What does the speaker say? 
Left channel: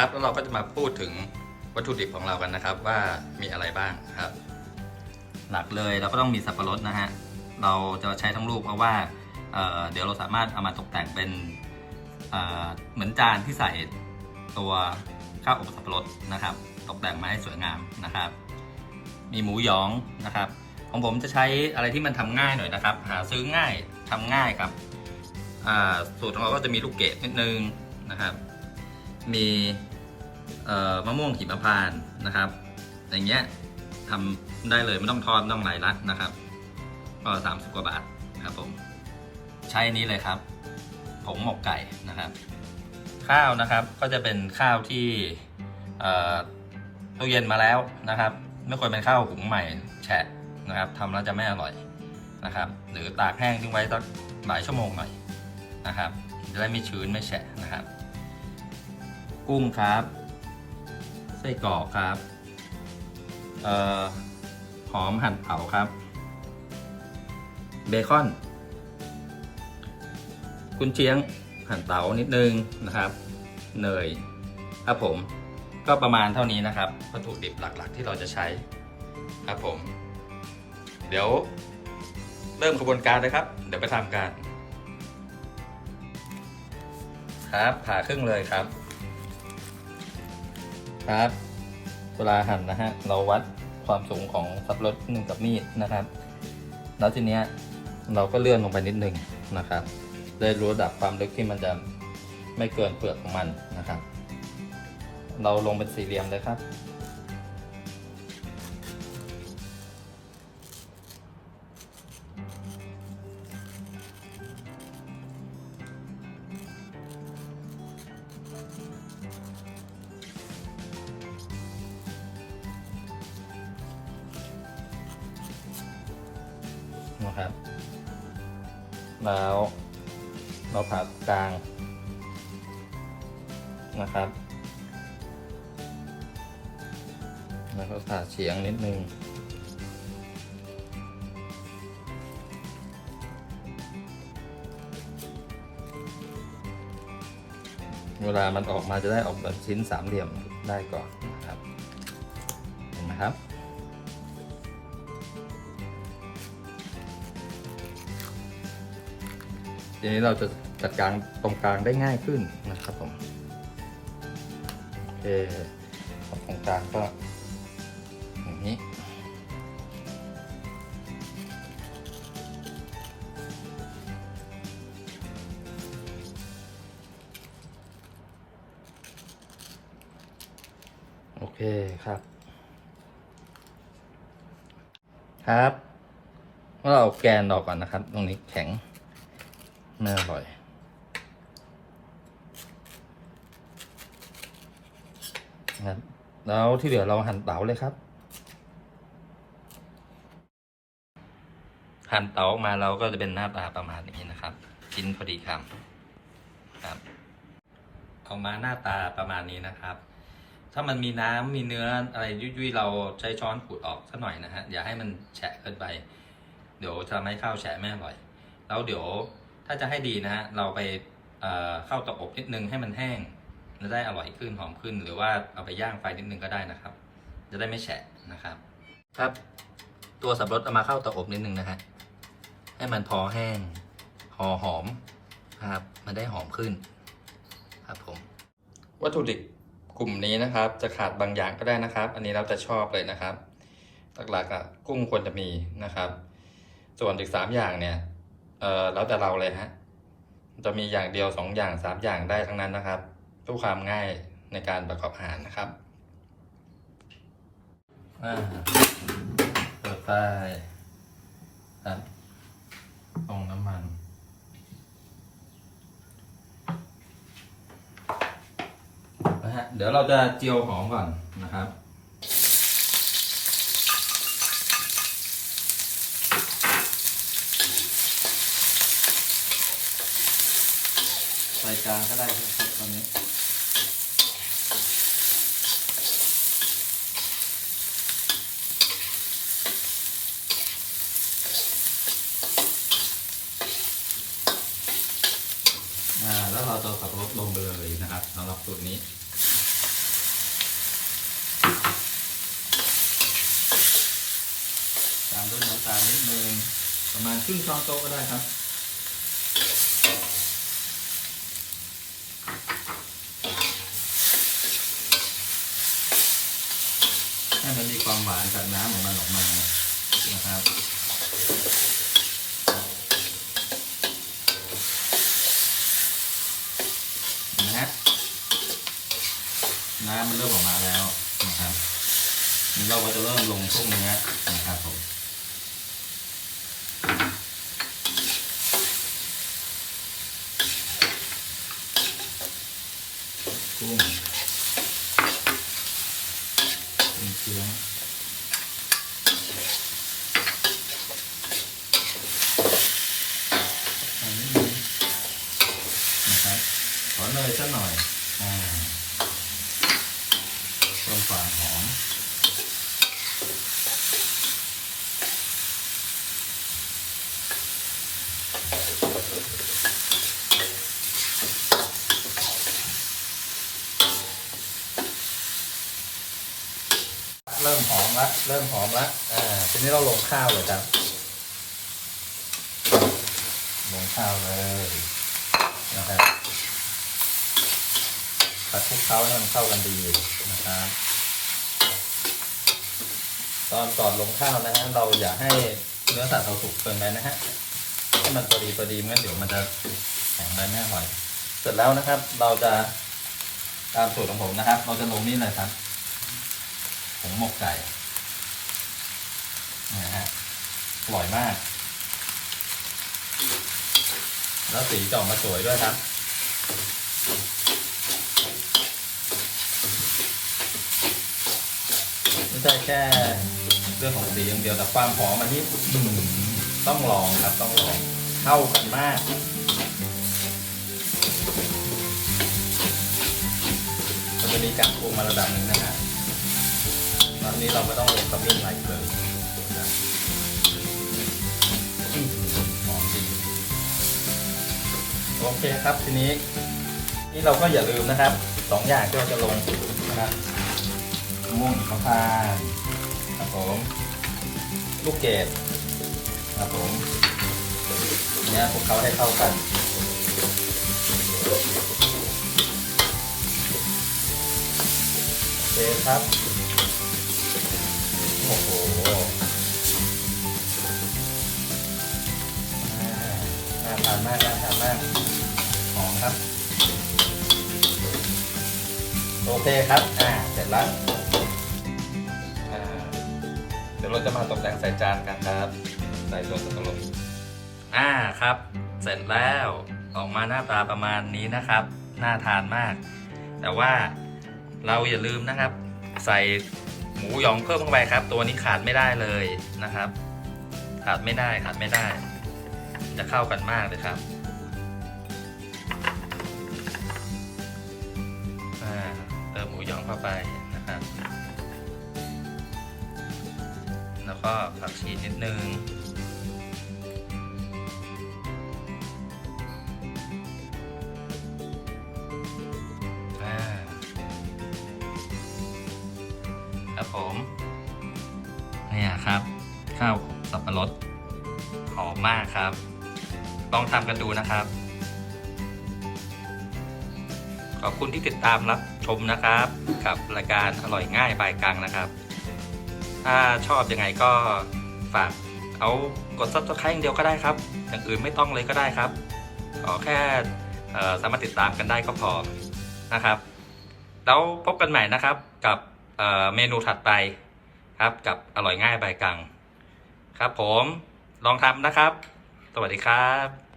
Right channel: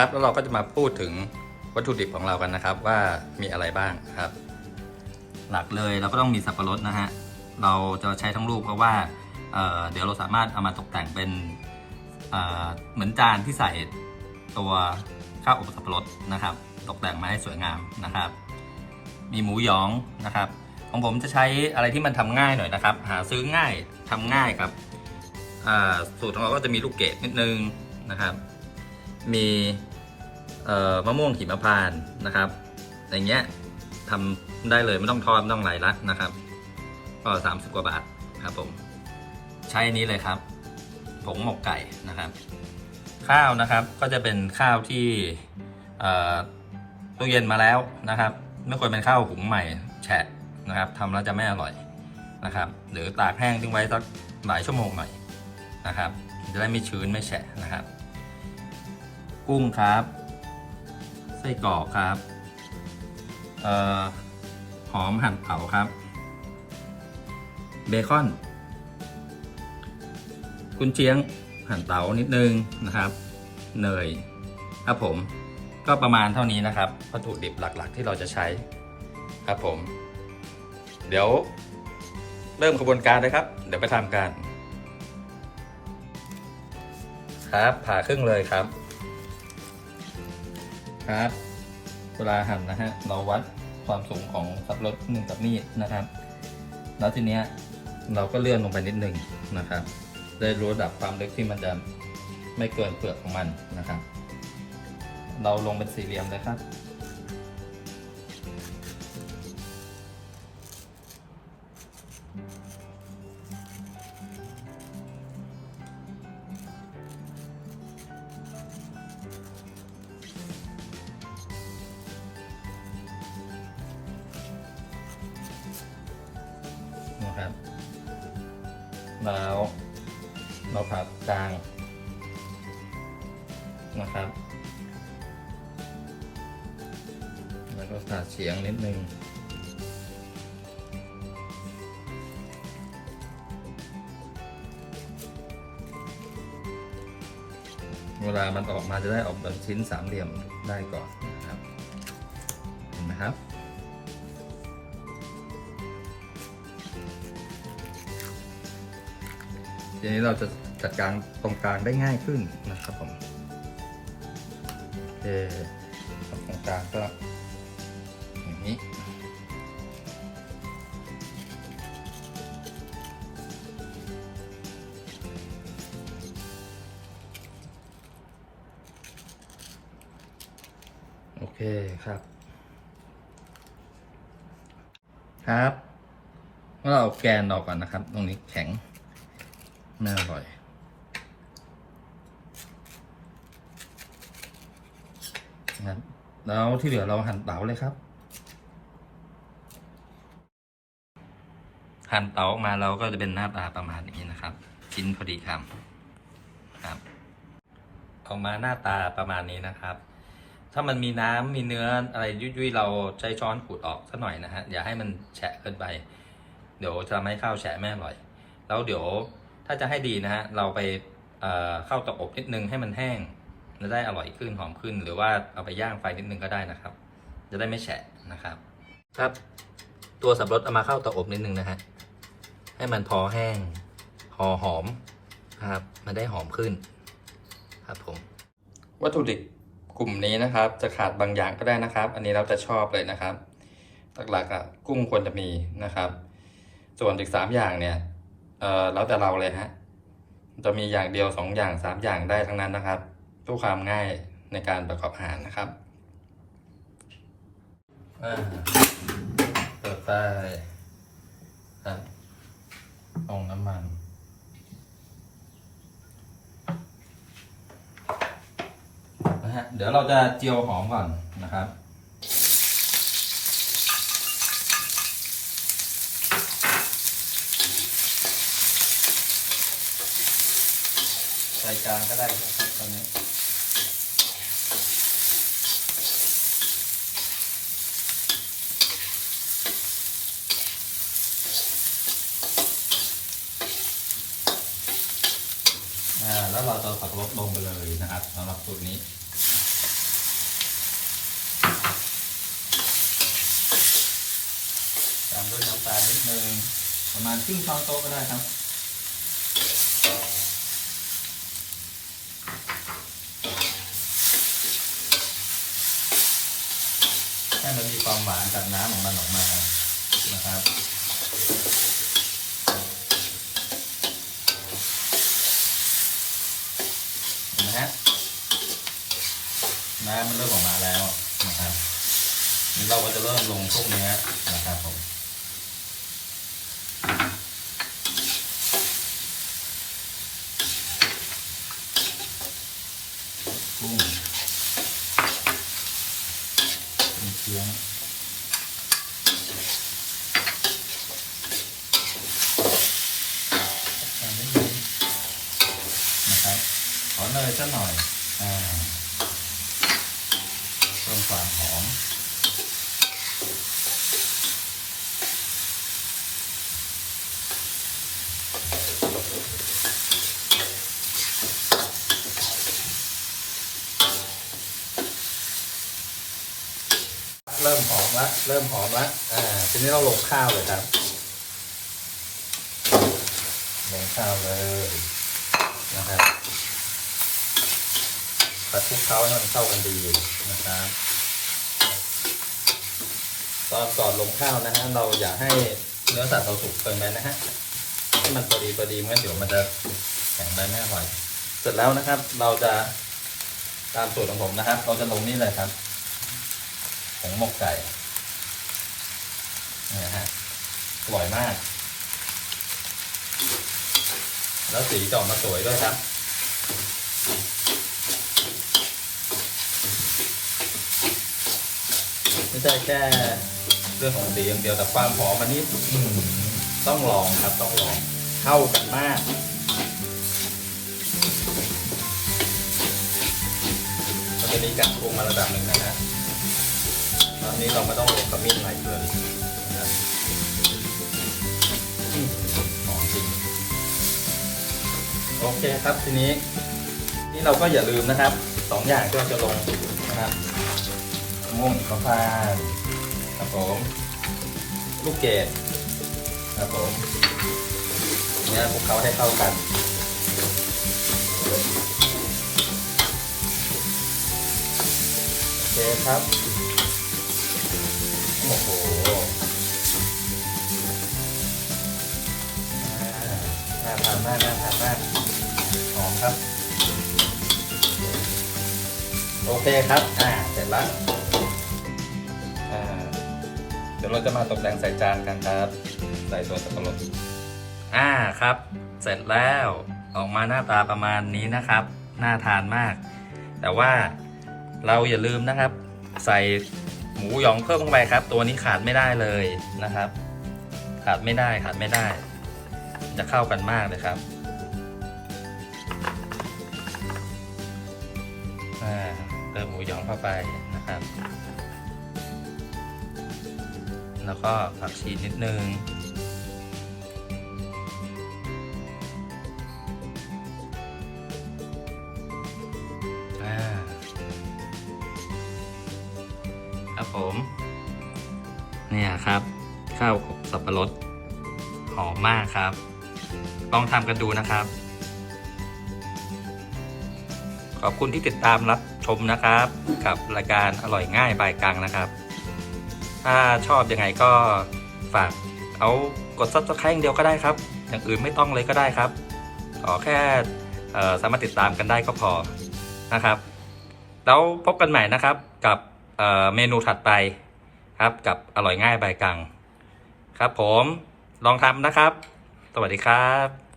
ครับแล้วเราก็จะมาพูดถึงวัตถุดิบของเรากันนะครับ ว่ามีอะไรบ้างครับ หลักเลยเราก็ต้องมีสับปะรดนะฮะเราจะใช้ทั้งลูกเพราะว่าเเดี๋ยวเราสามารถเอามาตกแต่งเป็นเเหมือนจานที่ใส่ตัวข้าวอบสับปะรดนะครับ ตกแต่งมาให้สวยงามนะครับ มีหมูหยองนะครับ ของผมจะใช้อะไรที่มันทำง่ายหน่อยนะครับ หาซื้อง่ายทำง่ายครับสูตรของเราก็จะมีลูกเกดนิดนึงนะครับ มี มะม่วงหิมพานต์นะครับ อย่างเงี้ยทำได้เลยไม่ต้องทอดไม่ต้องไหลรัดนะครับก็สามสิบกว่าบาทครับผม ใช้อนี้เลยครับ ผงหมกไก่นะครับ ข้าวนะครับก็จะเป็นข้าวที่ตู้เย็นมาแล้วนะครับไม่ควรเป็นข้าวหุงใหม่แฉะนะครับทำแล้วจะไม่อร่อยนะครับ หรือตากแห้งทิ้งไว้สักหลายชั่วโมงหน่อยนะครับ จะได้ไม่ชื้นไม่แฉะนะครับ กุ้งครับ ไส้กรอกครับออหอมหั่นเผาครับ เบคอน กุนเชียงหั่นเตานิดนึงนะครับเนยครับผมก็ประมาณเท่านี้นะครับวัตถุดิบหลักๆ ที่เราจะใช้ครับผม เดี๋ยวเริ่มขบวนการเลยครับ เดี๋ยวไปทำกัน ครับผ่าครึ่งเลยครับ ครับเวลาหั่นนะฮะเราวัดความสูงของสับปะรดหนึ่งกับมีดนะครับ แล้วทีเนี้ยเราก็เลื่อนลงไปนิดหนึ่งนะครับได้รู้ระดับความลึกที่มันจะไม่เกินเปลือกของมันนะครับ เราลงเป็นสี่เหลี่ยมเลยครับ นะครับ แล้วเราผ่ากลางนะครับแล้วก็ผ่าเฉียงนิดนึงเวลามันออกมาจะได้ออกเป็นชิ้นสามเหลี่ยมได้ก่อนนะครับเห็นไหมครับ ทีนี้เราจะจัดการตรงกลางได้ง่ายขึ้นนะครับผมโอเคตรงกลางก็อย่างนี้โอเคครับ ครับก็เอาแกนออกก่อนนะครับ ตรงนี้แข็ง น่าอร่อย นะครับ แล้วที่เหลือเราหั่นเต๋าเลยครับ หั่นเต๋าออกมาเราก็จะเป็นหน้าตาประมาณนี้นะครับ ชิ้นพอดีคำครับ ออกมาหน้าตาประมาณนี้นะครับ ถ้ามันมีน้ำมีเนื้ออะไรยุ่ยๆเราใช้ช้อนขูดออกสักหน่อยนะฮะ อย่าให้มันแฉะเกินไป เดี๋ยวจะทำให้ข้าวแฉะไม่อร่อย แล้วเดี๋ยว ถ้าจะให้ดีนะฮะเราไปเอ่อเข้าเตาอบนิดนึงให้มันแห้งจะได้อร่อยขึ้นหอมขึ้น หรือว่าเอาไปย่างไฟนิดนึงก็ได้นะครับ จะได้ไม่แฉะนะครับ ครับ ตัวสับปะรดเอามาเข้าเตาอบนิดนึงนะฮะให้มันพอแห้งหอหอมนะครับมันได้หอมขึ้น ครับผม วัตถุดิบกลุ่มนี้นะครับ จะขาดบางอย่างก็ได้นะครับ อันนี้เราจะชอบเลยนะครับ หลักๆอะกุ้งควรจะมีนะครับ ส่วนอีกสามอย่างเนี่ย เอ่อแล้วแต่เราเลยฮะจะมีอย่างเดียวสองอย่างสามอย่างได้ทั้งนั้นนะครับเพื่อความง่ายในการประกอบอาหารนะครับอ่าเปิดไฟครับเอาน้ำมันนะฮะเดี๋ยวเราจะเจียวหอมก่อนนะครับ กลางก็ได้ทุกตอนนี้แล้วเราจะสับลสลงไปเลยนะครับสำหรับสูตรนี้ตามด้วยน้ำตาลนิดนึงประมาณครึ่งช้อนโต๊ะก็ได้ครับ น้ำมันเริ่มออกมาแล้วนะครับนี่เราก็จะเริ่มลงพวกเนื้อนะครับผมกุ้งมีเคียงอันะครับขอเนยสักหน่อยอ่า ความหอมเริ่มหอมละเริ่มหอมละอ๋อทีนี้เราลงข้าวเลยครับลงข้าวเลยนะครับผัดคลุกข้าให้มันเข้ากันดีนะครับ ตอนก่อนลงข้าวนะฮะเราอยากให้เนื้อสัตว์เราสุกเกินไปนะฮะให้มันพอดีพอดีไม่งั้นเดี๋ยวมันจะแข็งไปไม่อร่อย เสร็จแล้วนะครับ เราจะตามสูตรของผมนะครับ เราจะลงนี่เลยครับผงหมกไก่นี่นะฮะอร่อยมาก แล้วสีจะออกมาสวยด้วยครับไม่ใช่แค่ เรื่องของสีอย่างเดียวแต่ความหอมอันนี้อื้อหือต้องลองครับต้องลองเข้ากันมากมันจะมีการปรุงมาระดับหนึ่งนะครับอันนี้เราก็ต้องลงกระมิ้นใหม่เลยนะหอมจริงโอเคครับทีนี้นี่เราก็อย่าลืมนะครับสองอย่างที่เราจะลงนะครับมะม่วงหิมพานต์ ครับผมลูกเกดครับผมเนี่ยพวกเขาให้เข้ากันโอเคครับโอ้โหน่าทานมากน่าทานมากหอมครับ โอเคครับ อ่า เสร็จแล้ว เดี๋ยวเราจะมาตกแต่งใส่จานกันครับ ใส่ตัวสับปะรดอ่าครับ เสร็จแล้วออกมาหน้าตาประมาณนี้นะครับ น่าทานมาก แต่ว่าเราอย่าลืมนะครับ ใส่หมูหยองเพิ่มเข้าไปครับ ตัวนี้ขาดไม่ได้เลยนะครับ ขาดไม่ได้ขาดไม่ได้ จะเข้ากันมากเลยครับอ่าเติมหมูหยองเข้าไปนะครับ แล้วก็ผักชีนิดนึงอ่าครับผม เนี่ยครับ ข้าวอบสับปะรด หอมมากครับ ลองทำกันดูนะครับ ขอบคุณที่ติดตามรับชมนะครับ กับรายการอร่อยง่ายบายกังนะครับ ถ้าชอบยังไงก็ฝากเอากด subscribe อย่างเดียวก็ได้ครับ อย่างอื่นไม่ต้องเลยก็ได้ครับ ขอแค่สามารถติดตามกันได้ก็พอนะครับ แล้วพบกันใหม่นะครับกับเเมนูถัดไปครับกับอร่อยง่ายใบยกัง ครับผมลองทำนะครับ สวัสดีครับ